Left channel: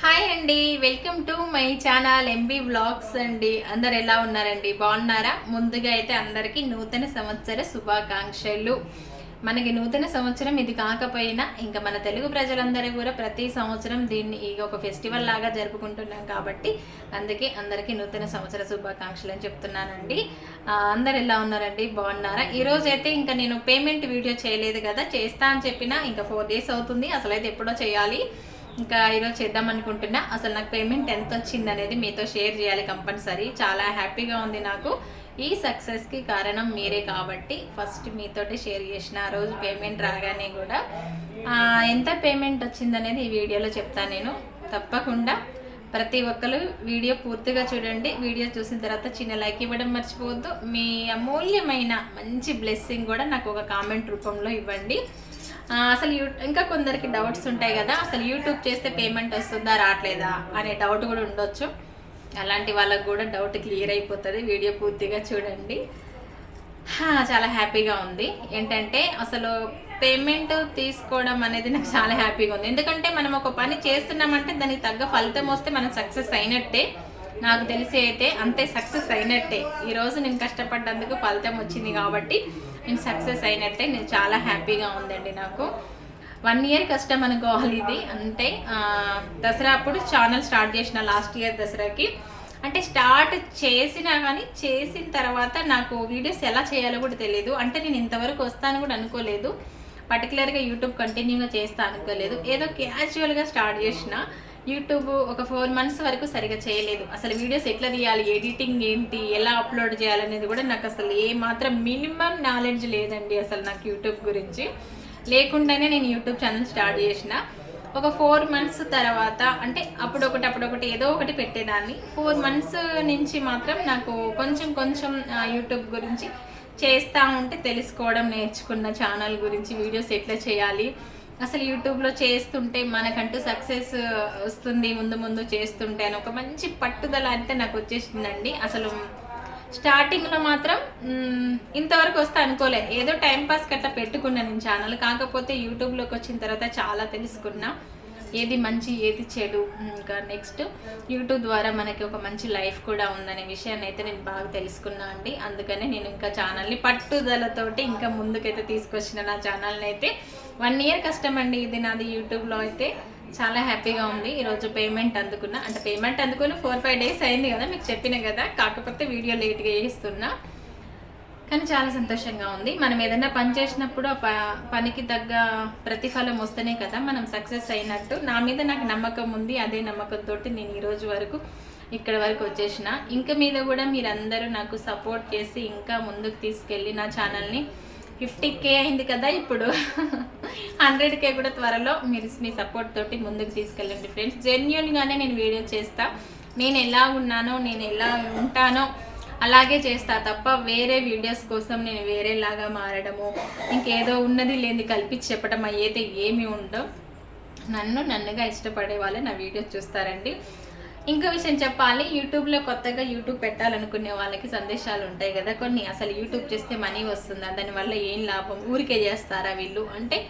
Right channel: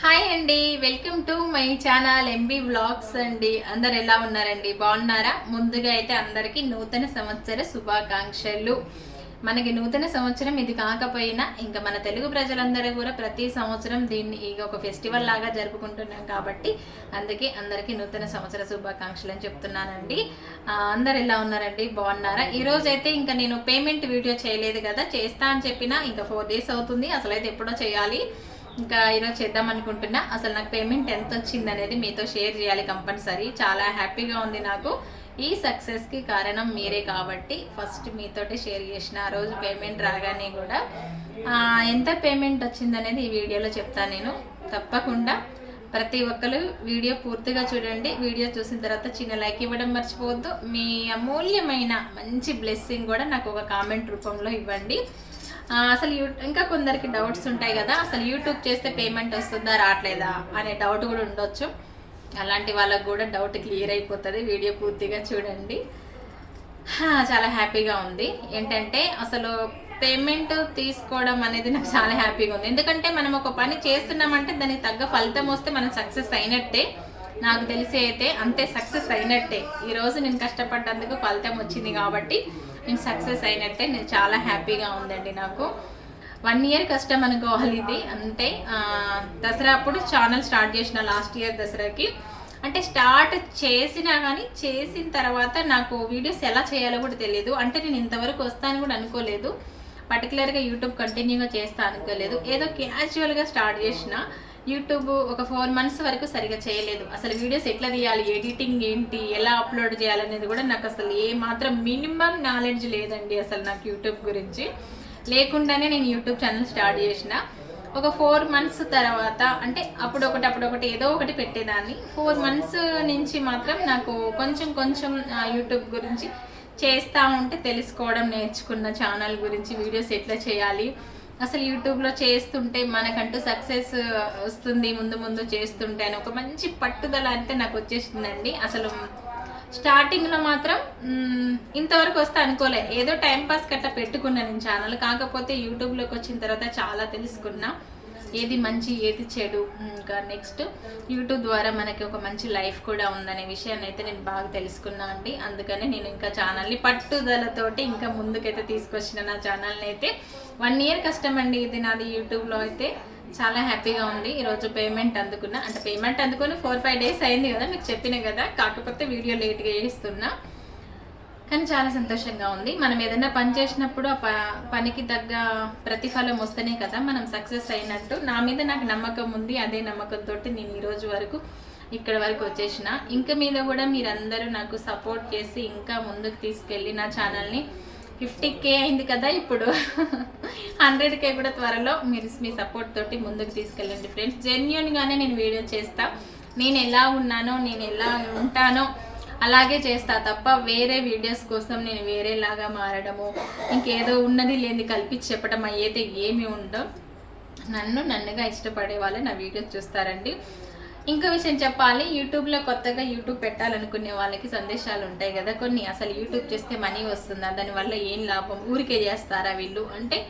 Hi అండి welcome to my channel MB blogs అండి అందరు ఎలా ఉన్నారండి? బాగున్నారా? ముందుగా అయితే అందరికీ నూతన సంవత్సర శుభాకాంక్షలు. మనకి నూతన సంవత్సరం ఇది కాకపోయినా ఇంకా మన తెలుగు ప్రజలందరూ కూడా ప్రతి సంవత్సరం దీన్ని ఇక ఒక ఫెస్టివల్ లాగా జరుపుకుంటున్నాం కాబట్టి అందుకే అందరికీ నూతన సంవత్సర శుభాకాంక్షలు అని చెప్తున్నానండి అందరు ఎలా ఉన్నారండి? బాగున్నారా? ఈరోజు అయితే ఇంకా నేను పేమెంట్ వీడియో చేయలేదు కదా. చేస్తా అని చెప్పినా ఇంకా ఫోర్ డేస్ అవుతుంది. అసలు అయితే ఎప్పుడో చేయాలి. ఇంకా ఈరోజు చేద్దాం అనుకుంటున్నా. అసలు నాకు పేమెంట్ ఎంత వచ్చింది అనేది మీతో షేర్ చేయాలి కంపల్సరీ. చాలా హ్యాపీగా ఉంది నాకు. ఈ సక్సెస్కి కారణం మీరే కాబట్టి ఫస్ట్ మీతోటే షేర్ చేసిన. ఆ రోజు పేమెంట్ రాగానే కూడా ఎంత పేమెంట్ వచ్చింది అనేది ఈ వీడియోలో చెప్తాను నేను. తప్పకుండా ప్రతి ఒక్కరు వీడియో పూర్తిగా చూడండి. వీడియో చూసిన తర్వాత చిన్న లైక్ ఇవ్వడం మర్చిపోవద్దు. మీ అమూల్యమైన మంచి బ్లెస్సింగ్ కూడా నాకు ఒక కామెంట్ రూపంలో ఇవ్వండి. అసలు యూ ఇంకా కొందరికి డౌట్స్ ఉంటాయి కదా అసలు యూట్యూబ్ చేస్తే పేమెంట్ వస్తుందా రావట్లేదా అనే డౌట్ కూడా ఉండొచ్చు. అలాంటి వాళ్ళకు కూడా డౌట్ క్లియర్ అయిపోతుంది. వీడియో పూర్తిగా చూడండి. చాలా హ్యాపీగా ఉంది. ఏంటంటే అసలు పేమెంట్ తీసుకోవడం అనేది నాకు చాలా హ్యాపీగా ఉంది. ఎందుకంటే మనం ఒక పని చేస్తున్నామంటే దానికి తగ్గ ఫలితం వస్తే మనం సక్సెస్ అయినట్టే. నాకు తెలిసి అయితే అంతే సక్సెస్ అయినట్టే. ఈరోజు నేను కష్టపడ్డందుకు ఫలితం వచ్చింది కాబట్టి నేను సక్సెస్ అయినట్టే. నేను చాలా హ్యాపీగా ఉందండి నాకు. వన్ ఇయర్ కష్టం అనుకోవాలి ఇది. అంతే దసరా అప్పుడు ఛానల్ స్టార్ట్ చేసిన లాస్ట్ ఇయర్ దసరాకి. అంటే స్టార్ట్ చేసినా కానీ చేసిన తర్వాత నాకు వీడియోస్ ఎలా చేయాలో కూడా తెలియదు అంటే నేను ఇంతవరకు వస్తాను కూడా అనుకోలేదు. పర్టికులర్గా యూట్యూబ్ కంటిన్యూగా చేస్తా అనుకోలేదు. ఏదో క్యాజువల్గా స్టార్ట్ చేసిన. యూట్యూబ్ ఒక ఫోర్ మంత్స్ వరకు సరిగా చేయలేదు. అసలు వీడియోస్ ఎట్లా తీయాలి ఎడిటింగ్ ఏంటి ఎలా అప్లోడ్ చేయాలనేది కూడా నాకు అసలు ఏ మాత్రం మినిమం నాలెడ్జ్ లేదండి అసలు నాకు యూట్యూబ్ గురించి. లేకుండానే నేను యూట్యూబ్ ఛానల్ స్టార్ట్ చేసిన. ఒక ఫోర్ మంత్స్ తర్వాత అంటే అప్పుడు ఒకటి అప్పుడు ఒకటి ఏదో ఒకటి పెట్టేదాన్ని. ఫోర్ మంత్స్ నుంచి మాత్రం నాకు కొంచెం కొంచెం యూట్యూబ్ గురించి చేస్తూ ఉంటే తెలుసుకోవడం నేర్చుకున్న ఛానల్ గురించి వీడియోస్ ఎట్లా చేయాలి అసలు యూట్యూబ్లో చేస్తుంటే మనకంటూ సక్సెస్ వస్తుంది ముందు ముందు చేస్తుంటే అని ఒక మంచి పట్టుదల అయితే నాకు వచ్చేసిందండి. అసలు స్టార్టింగ్లో మాత్రం ఇంతవరకు వస్తే అనుకోలే. ఏదో టైంపాస్ పాస్ పెట్టుకున్నాను నేను ఛానల్. కాకపోతే యూట్యూబ్లోకి వచ్చిన తర్వాత చాలా తెలుసుకున్నా. ఏది మంచి ఏది చెడు ఇంకా నెక్స్ట్ యూట్యూబ్ ద్వారా మనకి ఒక మంచి లైఫ్ కూడా ఉందనే విషయాన్ని అయితే నేను బాగా తెలుసుకున్నా అండి. అందుకనే నేను ఇంకా ఛానల్ని పట్టుదలతోటి ఇంకా ముందుకైతే తీసుకొచ్చిన నా ఛానల్ని అయితే వన్ ఇయర్ కష్టం అండి ఇది నాది యూట్యూబ్లో అయితే. చాలా హ్యాపీగా ఉంది. ఈరోజు పేమెంట్ అందుకున్నా. అంటే పేమెంట్ అందుకుని ఫోర్ ఫైవ్ డేస్ అయింది కదా మీకు చెప్పిన కదా. కాకపోతే వీడియో లేట్గా చేస్తున్నా. కానీ చాలా సంతోషంగా ఉంది. మనం ఏదైనా పని చేసినప్పుడు ఆ ప- పనికి తగ్గ ప్రతిఫలం వస్తేనే కదా మనం సక్సెస్ అయినట్టు. నా మీద నాకు నమ్మకం ఉంది. అదే నమ్మకంతో నేను ఈరోజు వరకు ఇక్కడ వరకు వచ్చేసిన. ఇంకా మీద కూడా మీరందరూ నాకు సపోర్ట్ చేసి ఇంకా ముందుకు తీసుకెళ్ళి నా ఛానల్ని ఫిఫ్టీ కే అయింది కదా ఇప్పుడు. హండ్రెడ్ కే కూడా త్వరలో మీరు మీ సపోర్ట్ తోటి ముందుకు తీసుకెళ్ళండి ఫ్రెండ్స్. జెన్యున్గానే నేను వీడియో చేస్తా. నేను ఎలా ఉన్నానో నేను ఎలా ఉంటానో అలాగే చేస్తా తప్ప వేరే వీడియోస్ కోసం నేను వేరేలాగా మారడము ఇంకేదో ఉన్నది లేని కల్పించి చెప్పడం అయితే ఏమి ఉండో నన్ను నన్నుగా ఇష్టపడే వాళ్ళు నా వీడియోస్ చూస్తారండి. ఇంకో విషయం చెప్పాలి యూట్యూబ్లో కొత్తగా యూట్యూబ్ పెట్టాలనుకునే వాళ్ళకి సందేశాలు ఉంటాయి కదా కొన్ని. అసలు యూట్యూబ్ చేస్తే మనీ వస్తుందా? దానివల్ల ఏం లాభం? ఊరికే చేస్తారా వీళ్ళు? అంటే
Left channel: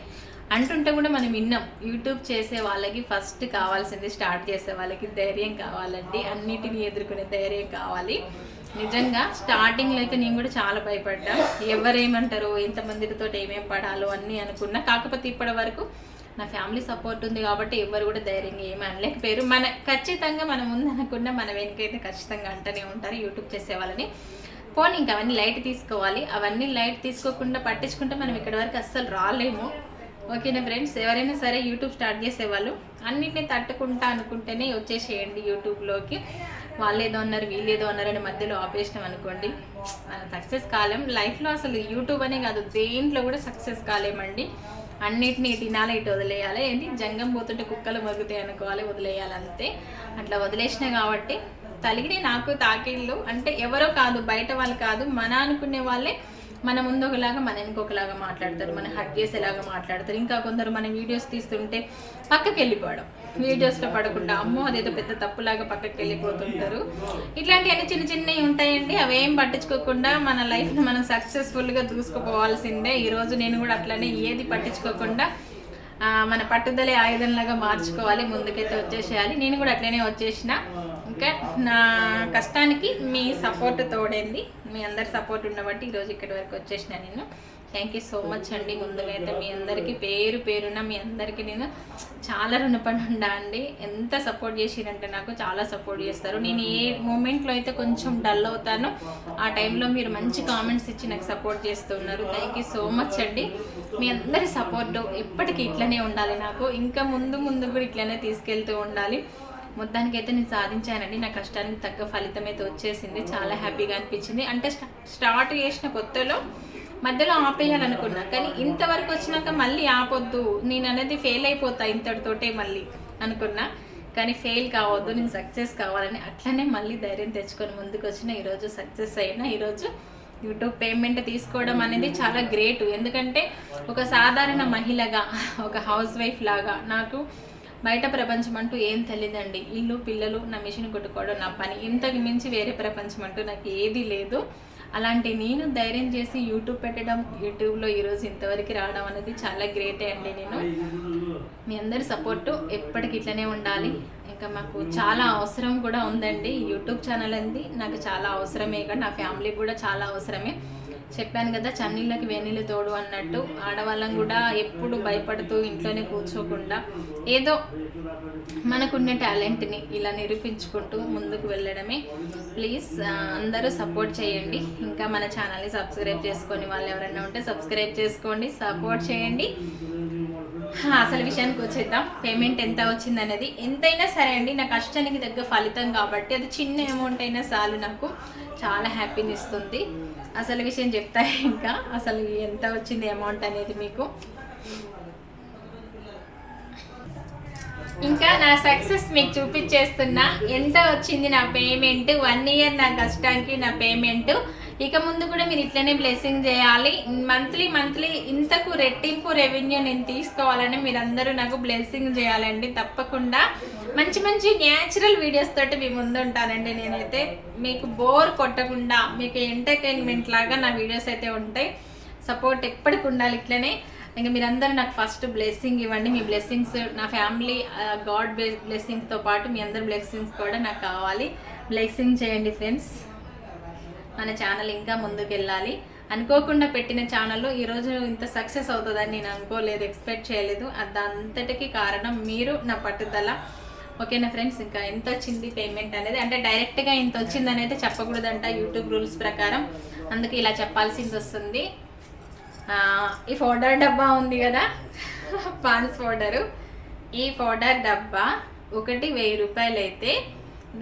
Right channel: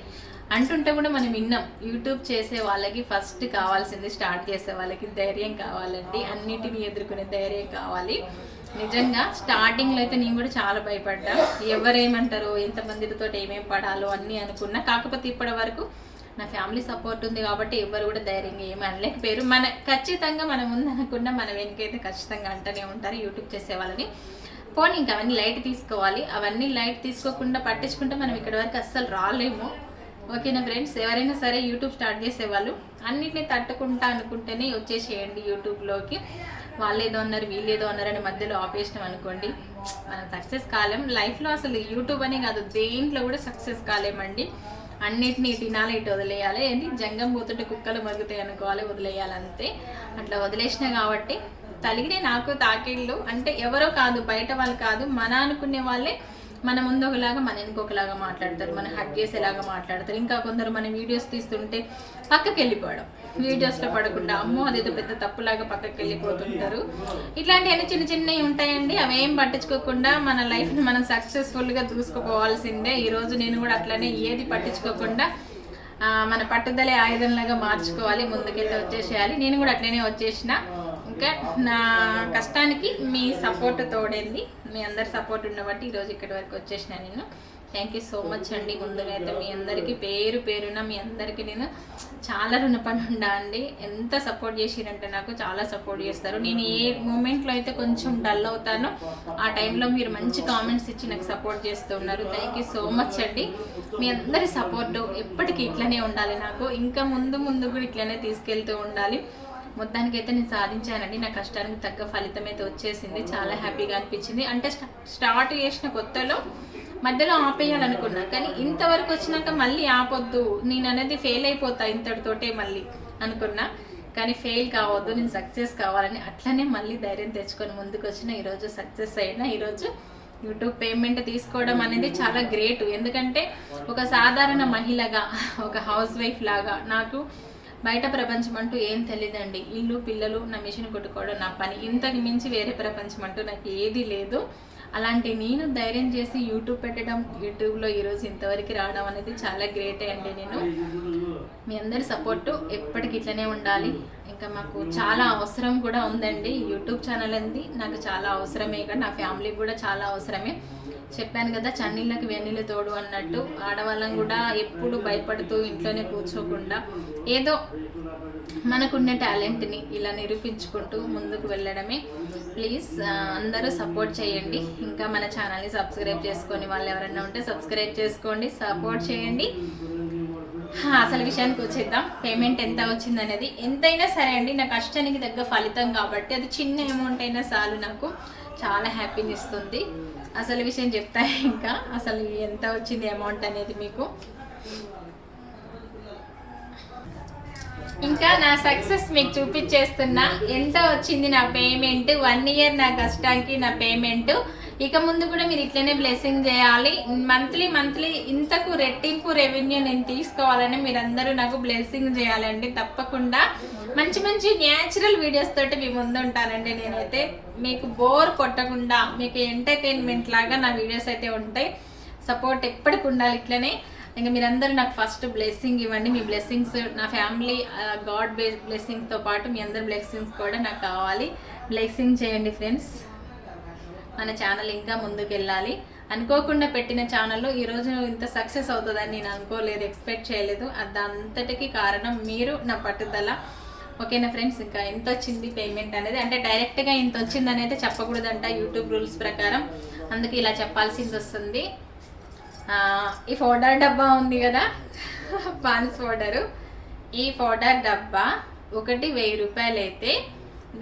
అంటుంటే కూడా మనం విన్నాం. యూట్యూబ్ చేసే వాళ్ళకి ఫస్ట్ కావాల్సింది స్టార్ట్ చేసే వాళ్ళకి ధైర్యం కావాలండి. అన్నిటిని ఎదుర్కొనే ధైర్యం కావాలి. నిజంగా స్టార్టింగ్లో అయితే నేను కూడా చాలా భయపడ్డా. ఎవరేమంటారో ఎంతమందితో ఏమేం పడాలో అన్నీ అనుకున్నా. కాకపోతే ఇప్పటి వరకు నా ఫ్యామిలీ సపోర్ట్ ఉంది కాబట్టి ఎవరు కూడా ధైర్యంగా ఏమీ అనలేకపోయారు. మన ఖచ్చితంగా మనం ముందు అనుకున్న మన వెనుకైతే ఖచ్చితంగా అంటూనే ఉంటారు యూట్యూబ్ చేసే వాళ్ళని. పోనీ ఇంకా అవన్నీ లైట్ తీసుకోవాలి. అవన్నీ లైట్ తీసుకోకుండా పట్టించుకుంటే మనం ఇక్కడ వరకు అస్సలు రాలేము. ఓకేనా ఫ్రెండ్స్? ఎవరైనా సరే యూట్యూబ్ స్టార్ట్ చేసేవాళ్ళు. అన్నిటిని తట్టుకుంటా అనుకుంటేనే వచ్చేసేయండి యూట్యూబ్లోకి. వాళ్ళు ఏదో అన్నారు వీళ్ళు ఏదో అన్నారు అని మధ్యలో ఆపేసినాం అనుకోండి. మనం సక్సెస్ కాలేం. లైఫ్లో అసలు యూట్యూబ్ అనే కాదు దేంట్లో కూడా సక్సెస్ కాలేమండి. అన్నిటినీ తినాలి ఇటు వదిలేయాలి. ఏంటి? జంగం పోతుంటే కుక్కలు మరుగుతాయి అనుకోవాలి వదిలేయాలి అంతే అట్లా వదిలేసిన కాబట్టి తలిగినే నాకు తాకిళ్ళు. అంటే ఎవరో కాదు బయట వాళ్ళు కాదు మన అనుకునే వాళ్ళే మన ముందు ఒకలాగా మన ఇంకొకలాగా మాట్లాడతారు మన హక్ చేసేలాగా మాట్లాడతారు. ఇంకా కొందరు మన వీడియోస్ తీస్తుంటే పక్కకి వెళ్ళిపోవడం. వీడియోస్లో పడకుండా అమ్మో అదేదో పెద్ద తప్పులాగా పక్కకి వెళ్ళిపోతుంటారు. ఇట్లాంటివన్నీ చిన్న చిన్నవి ఉంటాయండి. అవేం పట్టించుకోకుండా మన లైఫ్ని మనం సక్సెస్ఫుల్గా దూసుకుపోవాల్సిందే ఈరోజు నేను కూడా అట్లనే ఏది పట్టించుకోకుండా మన పట్టుదల ఆయుధంలాగా మార్చుకోవాలి ముందుకైతే వచ్చేసేయాలి. నేను కూడా అట్లనే వచ్చేసిన. ఓకే. నా కష్టానికి మీ సపోర్ట్ తోడైంది. మీ అందరి సపోర్ట్ ఉండబట్టి ఈరోజు ఇక్కడి వరకు వచ్చేసిన నేను. థ్యాంక్ యూ సో మచ్ అండి. ముందుగా అయితే మీ అందరికీ పేరు పేరున మీ అందరికీ నేను చాలా రుణపడి ఉండా అండి. ఎంత సపోర్ట్ చేసిరంటే నాకు చాలా సపోర్ట్ చేస్తారు. నేను ఏ మూమెంట్లో అయితే కొంచెం డల్ అవుతానో ఆ టైంలో మీరు మంచి కామెంట్స్ ఇచ్చి నాకు సపోర్ట్ చేస్తూ ఉన్నారు. థ్యాంక్ యూ సో మచ్ అండి. మీ అందరి సపోర్ట్ ఎప్పటికీ ఇట్లనే ఉండాలి నాకు. ఇంకా ముందు ముందు కూడా ఇట్లనే తీసుకెళ్తూ ఉండాలి. మొత్తానికి అయితే నేను సాధించానండి. నా కష్టానికి తగ్గ ఫలితం అయితే వచ్చేసింది. చాలా హ్యాపీగా అనిపించింది. అంటే స్టార్ట్ చేసిన కొత్తలో మధ్యలో ఆపేయాలనుకున్నా కానీ ఇంతవరకు వచ్చినాక మళ్ళీ ఆపొద్దు. నేను అనేది ఫెయిల్ అయిపోతా ఇంతటితోటే మళ్ళీ అనుకున్నా. కానీ ఫెయిల్ కావద్దు నేను సక్సెస్ కావాలని అట్లనే మళ్ళీ ధైర్యం తెచ్చుకొని ముందుకు వచ్చిన ఈరోజు సక్సెస్ అయినా ఈరోజు యూట్యూబ్ పేమెంట్ తీసుకోవడం అనేది చాలా గ్రేట్ ఎందుకంటే ఒక సాధారణ మహిళగా ఒక హౌస్ వైఫ్ లాగా నాకు బయట ప్రపంచం అంటూ ఏం తెలియదండి. ఇల్లు పిల్లలు నా మిషన్ కొట్టుకోవడం నా పని. ఇంతకు మించి వేరే ప్రపంచం అంటూ నాకు ఏది లేదు. అలాంటి నేను ధైర్యం చేసి యూట్యూబ్ పెట్టడం యూట్యూబ్లో ఈరోజు ఇంతవరకు రావడం అనేది చాలా గ్రేటే అండి నేను. మీ అందరి సపోర్టు ఎప్పటికి ఇట్లనే ఉండాలి. ఇంకా మాకు చాలా అవసరం కూడా ఉందండి. యూట్యూబ్ ఛానల్ అంది. నాకు చాలా అవసరమే. కదా నా ఫ్యామిలీకి కూడా చాలా అవసరమే. చెప్పాను కదా చన్నీళ్ళకి వెన్నీళ్ళు తోడు అన్నట్టు. ఆడవాళ్ళం కూడా ఎప్పుడు భయపడుతూ ఇంట్లోనే కూర్చోకుండా ఏదో మనకున్న టాలెంట్ని ఇలా నిరూపించుకుంటూ ముందుకు వెళ్ళడమే. ప్లీజ్ అందరూ సపోర్ట్ చేయండి. ఇంకా మన ఛానల్ని సబ్స్క్రైబ్ చేసుకొని వాళ్ళు ఎవరైనా ఉంటే సబ్స్క్రైబ్ చేసుకోండి సపోర్ట్ చేయండి. అసలు విషయానికి వచ్చేద్దాం. పేమెంట్ ఎంత వచ్చింది అనేది. ఎంతైనా సరే అండి నా కష్టానికి తగ్గ ఫలితం కాబట్టి అది చిన్న అమౌంట్ అయినా చాలు నాకు. చాలా హ్యాపీని ఇస్తుంది అసలు విషయం చెప్తా ఇంకా. అసలు ఎంత వచ్చింది అమౌంట్ అనేది మీకు? ఇంకా నా సక్సెస్ మీకు చూపించేస్తున్నా. ఎంత వచ్చింది నా పేమెంట్ వన్ ఇయర్ నా కష్టానికి నా పేమెంట్ ఇక ముందు కూడా మీరు ఇట్లనే బ్లెస్సింగ్ చేయాలి. మంత్లీ మంత్లీ ఇంతకు రెట్టింపు రెవెన్యూ నేను తీసుకోవాలని మీరందరూ నాకు బ్లెస్సింగ్ చేయాలండి తప్పకుండా. మంచి మంచి న్యాచురల్ వీడియోస్ తోటి మీ ముందు ఉంటానండి నేనైతే. మీకు బోర్ కొట్టకుండా మీకు ఎంటర్టైన్మెంట్ లాగా నా వీడియోస్ అయితే ఉంటాయి. సపోర్ట్ ఎప్పటికి ఉండాలి ఇట్లనే. ఇంకా మీరందరూ నాకు ఫస్ట్ బ్లెస్సింగ్ ఇవ్వండి. మీ బ్లెస్సింగ్స్ నా ఫ్యామిలీ గాడ్ బ్లెస్సింగ్తో పాటు మీ అందరి బ్లెస్సింగ్స్ కూడా నాకు కావాలి. బ్లెస్సింగ్ చేయండి ఫ్రెండ్స్ మన ఛానల్ ఇంకా ముందుకు వెళ్ళాలి అనుకోకుండా పెట్టిన ఛానల్లో ఈరోజు ఇంత సక్సెస్ అవుతుందని నేను అనుకోలేదు ఎక్స్పెక్ట్ చేయలేదు. అదంతటికి కారణం మీరు నా పట్టుదల. ఓకేనా ఫ్రెండ్స్ ఇంకా ఎంత వచ్చింది పేమెంట్ అనేది? అంటే డైరెక్ట్గా ఇంత వచ్చింది అనేది చెప్పకూడదంట యూట్యూబ్ రూల్స్ ప్రకారం. అందుకే ఇలా చెప్పాల్సింది వస్తుంది. ఈ పౌడర్ డబ్బా ఉంది కదా? పాన్స్ పౌడరు ఈ పౌడర్ డబ్బా ఒకటి వెయ్యి రూపాయలు అయితే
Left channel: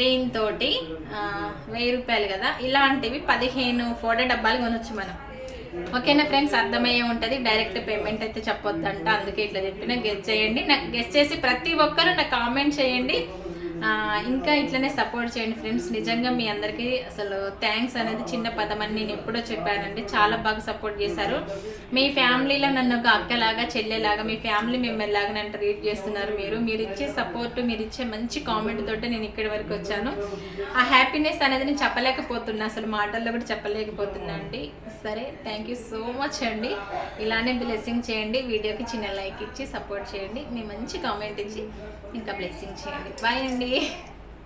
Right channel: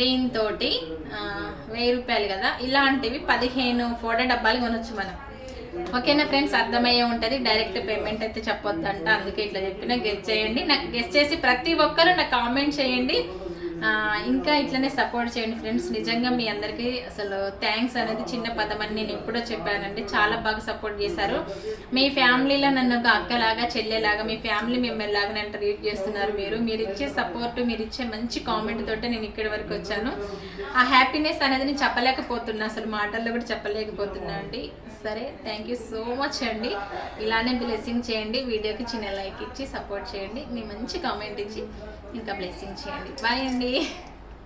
దీంతో వెయ్యి రూపాయలు కదా? ఇలాంటివి పదిహేను ఫోటో డబ్బాలు కొనొచ్చు మనం. ఓకేనా ఫ్రెండ్స్? అర్థమయ్యే ఉంటుంది. డైరెక్ట్ పేమెంట్ అయితే చెప్పొద్దంట. అందుకే ఇట్లా చెప్పిన గెస్ట్ చేయండి. నాకు గెస్ట్ చేసి ప్రతి ఒక్కరు నాకు కామెంట్ చేయండి. ఇంకా ఇట్లనే సపోర్ట్ చేయండి ఫ్రెండ్స్ నిజంగా మీ అందరికీ అసలు థ్యాంక్స్ అనేది చిన్న పదం అని నేను ఎప్పుడో చెప్పానండి. చాలా బాగా సపోర్ట్ చేశారు. మీ ఫ్యామిలీలో నన్ను ఒక అక్కలాగా చెల్లెలాగా మీ ఫ్యామిలీ మిమ్మల్ని లాగా నన్ను ట్రీట్ చేస్తున్నారు మీరు. మీరు ఇచ్చే సపోర్ట్ మీరు ఇచ్చే మంచి కామెంట్ తోటే నేను ఇక్కడి వరకు వచ్చాను. ఆ హ్యాపీనెస్ అనేది నేను చెప్పలేకపోతున్నా. అసలు మాటల్లో కూడా చెప్పలేకపోతున్నా అండి. సరే థ్యాంక్ యూ సో మచ్ అండి. ఇలానే బ్లెస్సింగ్ చేయండి. వీడియోకి చిన్న లైక్ ఇచ్చి సపోర్ట్ చేయండి. మీ మంచి కామెంట్ ఇచ్చి ఇంకా బ్లెస్సింగ్ చేయండి. బాయ్ అండి. लिए।